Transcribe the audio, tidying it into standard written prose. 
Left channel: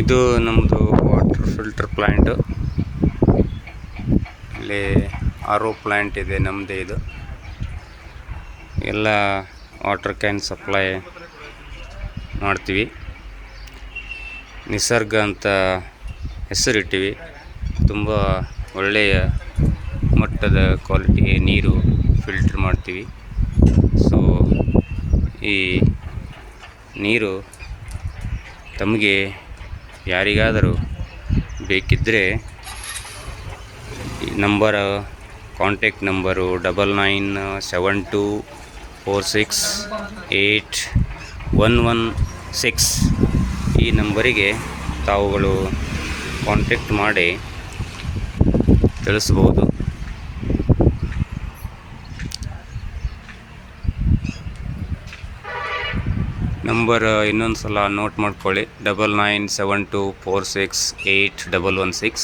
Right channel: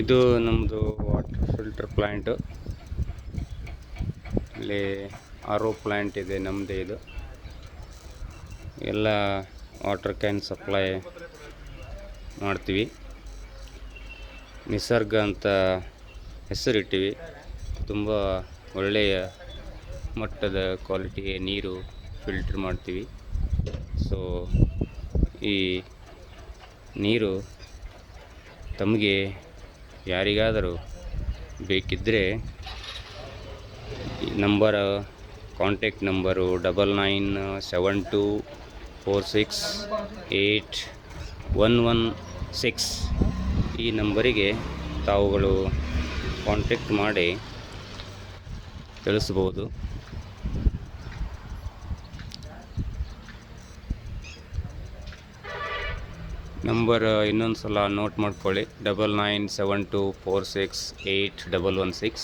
ಇದು ನಮ್ಮದು water filter plant. ಇಲ್ಲಿ ಆರ್ ಒ ಪ್ಲ್ಯಾಂಟ್ ಇದೆ ನಮ್ಮದೇ. ಇದು ಎಲ್ಲ ವಾಟರ್ ಕ್ಯಾನ್ ಸಪ್ಲೈ ಮಾಡ್ತೀವಿ. ನಿಸರ್ಗ ಅಂತ ಹೆಸರಿಟ್ಟಿವಿ. ತುಂಬ ಒಳ್ಳೆಯ ಮಟ್ಟದ ಕ್ವಾಲಿಟಿ ನೀರು ಫಿಲ್ಟ್ರ್ ಮಾಡ್ತೀವಿ. ಸೊ ಈ ನೀರು ತಮಗೆ ಯಾರಿಗಾದರೂ ಬೇಕಿದ್ದರೆ ಕಾಂಟ್ಯಾಕ್ಟ್ ನಂಬರು 9972468116. ಈ ನಂಬರಿಗೆ ತಾವುಗಳು ಕಾಂಟ್ಯಾಕ್ಟ್ ಮಾಡಿ ತಿಳಿಸ್ಬೋದು. ನಂಬರ್ ಇನ್ನೊಂದು ಸಲ ನೋಟ್ ಮಾಡ್ಕೊಳ್ಳಿ, 9972468116.